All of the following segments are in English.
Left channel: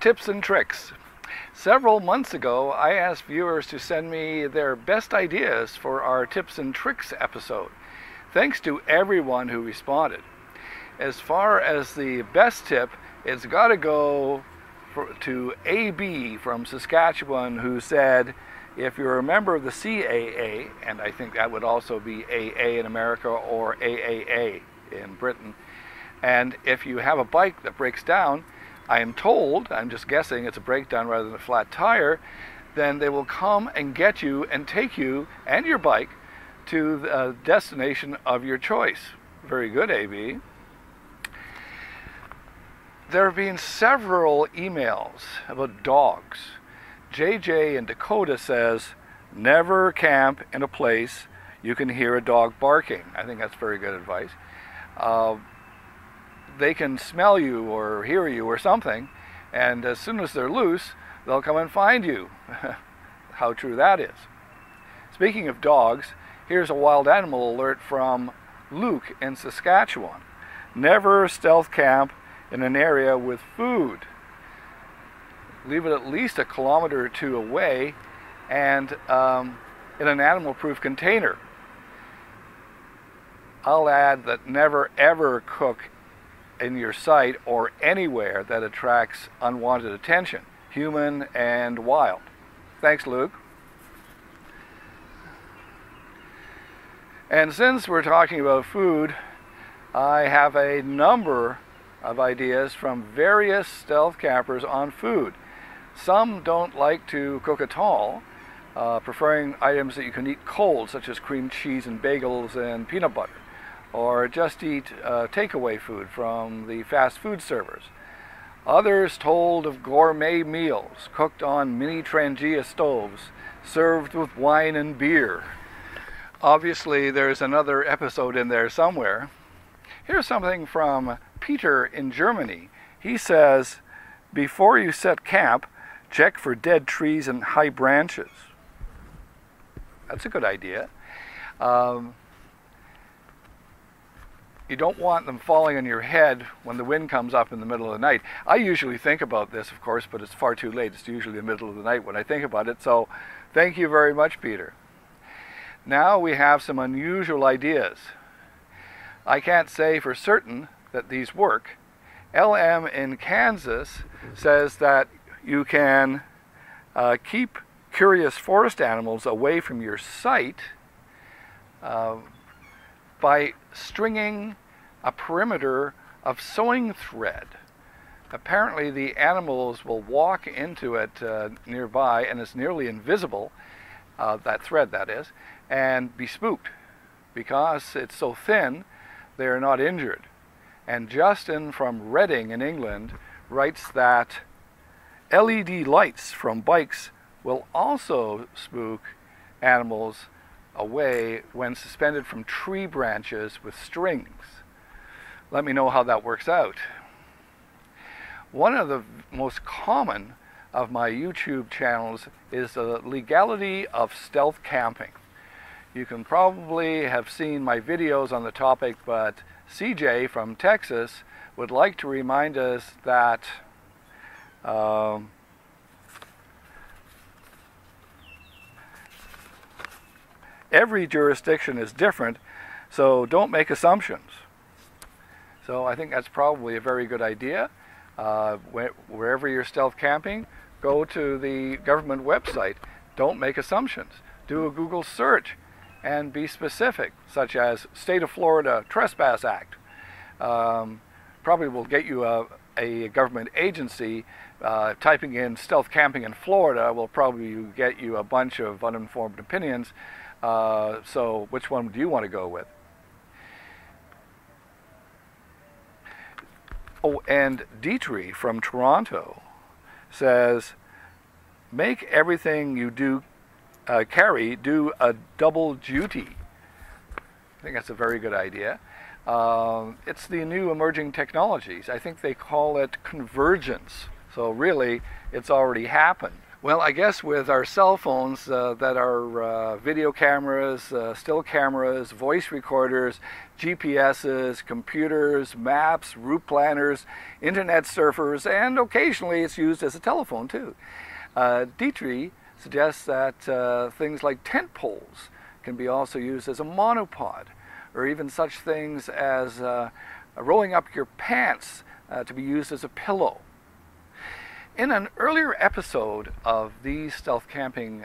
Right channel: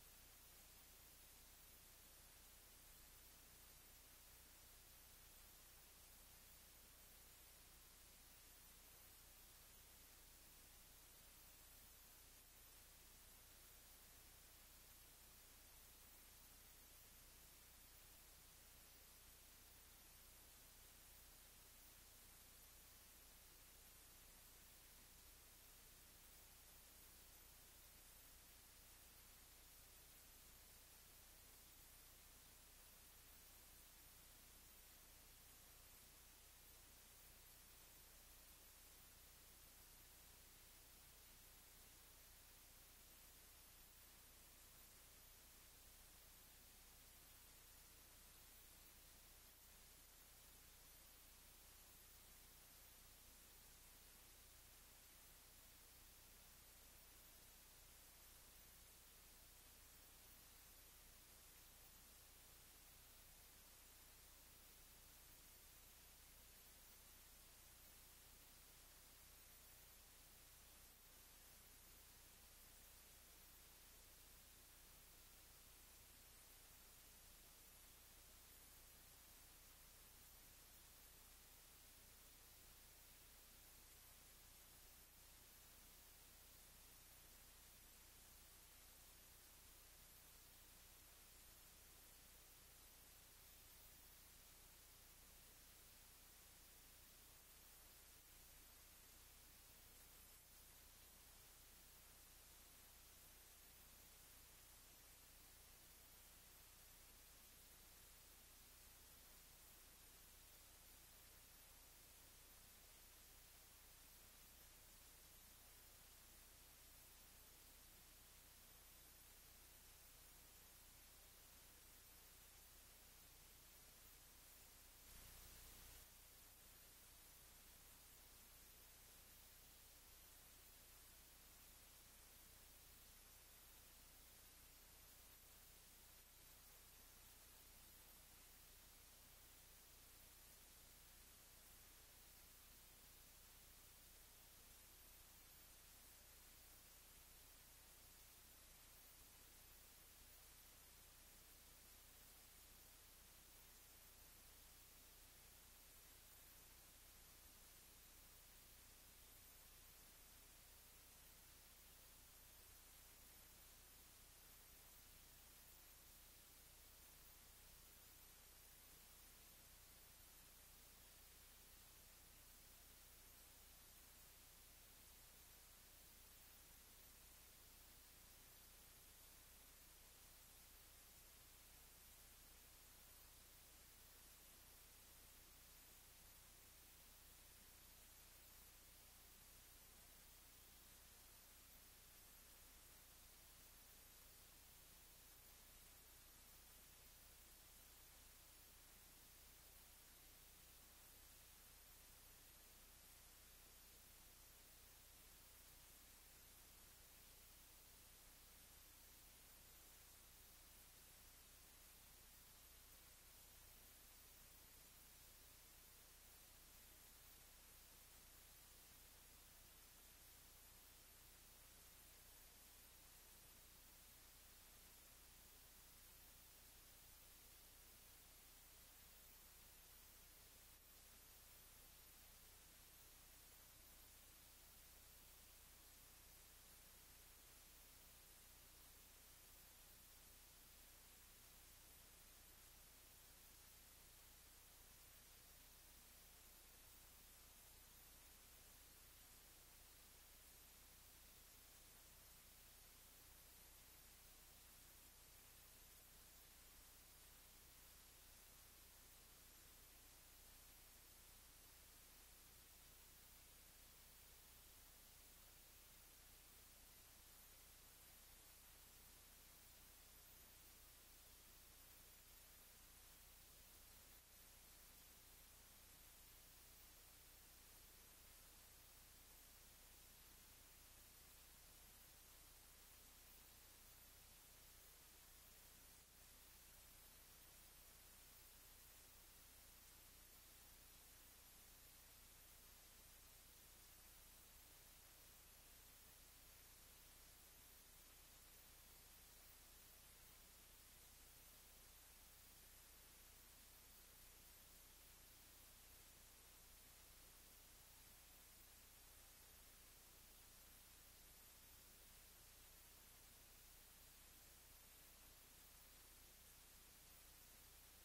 Tips and tricks. Several months ago, I asked viewers to send me their best ideas for our tips and tricks episode. Thanks to everyone who responded. As far as the best tip, it's got to go to AB from Saskatchewan, who said, if you're a member of the CAA, and I think that would also be AA in America or AAA in Britain, and if you have a bike that breaks down, I am told, I'm just guessing it's a breakdown rather than a flat tire, then they will come and get you and take you and your bike to the destination of your choice. Very good, AB. There have been several emails about dogs. JJ in Dakota says, never camp in a place you can hear a dog barking. I think that's very good advice. They can smell you or hear you or something, and as soon as they're loose, they'll come and find you. How true that is. Speaking of dogs, here's a wild animal alert from Luke in Saskatchewan. Never stealth camp in an area with food. Leave it at least a kilometer or two away and in an animal-proof container. I'll add that never ever cook in your sight or anywhere that attracts unwanted attention, human and wild. Thanks, Luke. And since we're talking about food, I have a number of ideas from various stealth campers on food. Some don't like to cook at all, preferring items that you can eat cold, such as cream cheese and bagels and peanut butter, or just eat takeaway food from the fast food servers. Others told of gourmet meals cooked on mini Trangia stoves, served with wine and beer. Obviously, there's another episode in there somewhere. Here's something from Peter in Germany. He says, before you set camp, check for dead trees and high branches. That's a good idea. You don't want them falling on your head when the wind comes up in the middle of the night. I usually think about this, of course, but it's far too late. It's usually the middle of the night when I think about it. So thank you very much, Peter. Now we have some unusual ideas. I can't say for certain that these work. LM in Kansas says that you can keep curious forest animals away from your sight by stringing a perimeter of sewing thread. Apparently the animals will walk into it nearby, and it's nearly invisible, that thread that is, and be spooked. Because it's so thin, they're not injured. And Justin from Reading in England writes that LED lights from bikes will also spook animals away when suspended from tree branches with strings. Let me know how that works out. One of the most common of my YouTube channels is the legality of stealth camping. You can probably have seen my videos on the topic, but CJ from Texas would like to remind us that every jurisdiction is different, so don't make assumptions. So I think that's probably a very good idea. Wherever you're stealth camping, go to the government website. Don't make assumptions. Do a Google search and be specific, such as State of Florida Trespass Act. Probably will get you a government agency. Typing in stealth camping in Florida will probably get you a bunch of uninformed opinions. So which one do you want to go with? Oh, and Dietrich from Toronto says, make everything you do carry do a double duty. I think that's a very good idea. It's the new emerging technologies. I think they call it convergence. So really, it's already happened. Well, I guess with our cell phones that are video cameras, still cameras, voice recorders, GPSs, computers, maps, route planners, internet surfers, and occasionally it's used as a telephone too. Dietrich suggests that things like tent poles can be also used as a monopod, or even such things as rolling up your pants to be used as a pillow. In an earlier episode of these stealth camping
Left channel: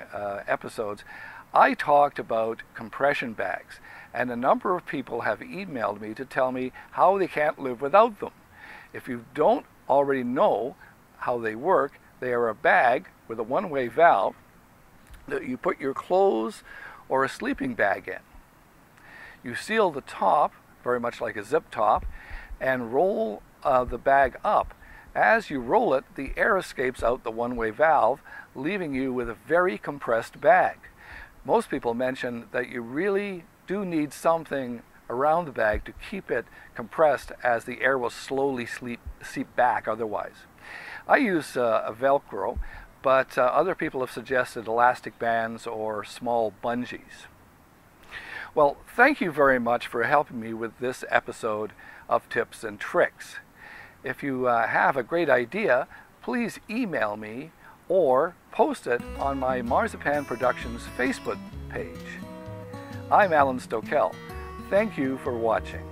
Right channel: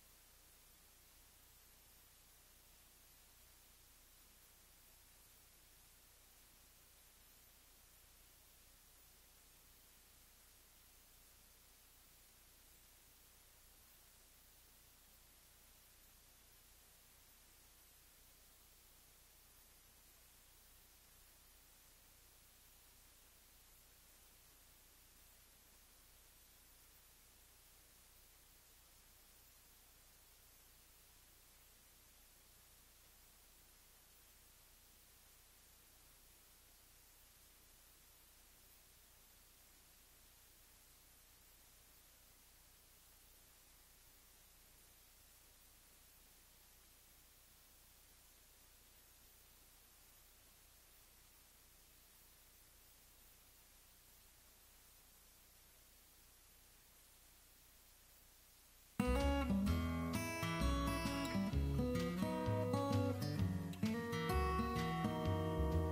episodes, I talked about compression bags, and a number of people have emailed me to tell me how they can't live without them. If you don't already know how they work, they are a bag with a one-way valve that you put your clothes or a sleeping bag in. You seal the top, very much like a zip top, and roll the bag up. As you roll it, the air escapes out the one-way valve, leaving you with a very compressed bag. Most people mention that you really do need something around the bag to keep it compressed, as the air will slowly seep back otherwise. I use a Velcro, but other people have suggested elastic bands or small bungees. Well, thank you very much for helping me with this episode of Tips and Tricks. If you have a great idea, please email me or post it on my Marzipan Productions Facebook page. I'm Alan Stokel. Thank you for watching.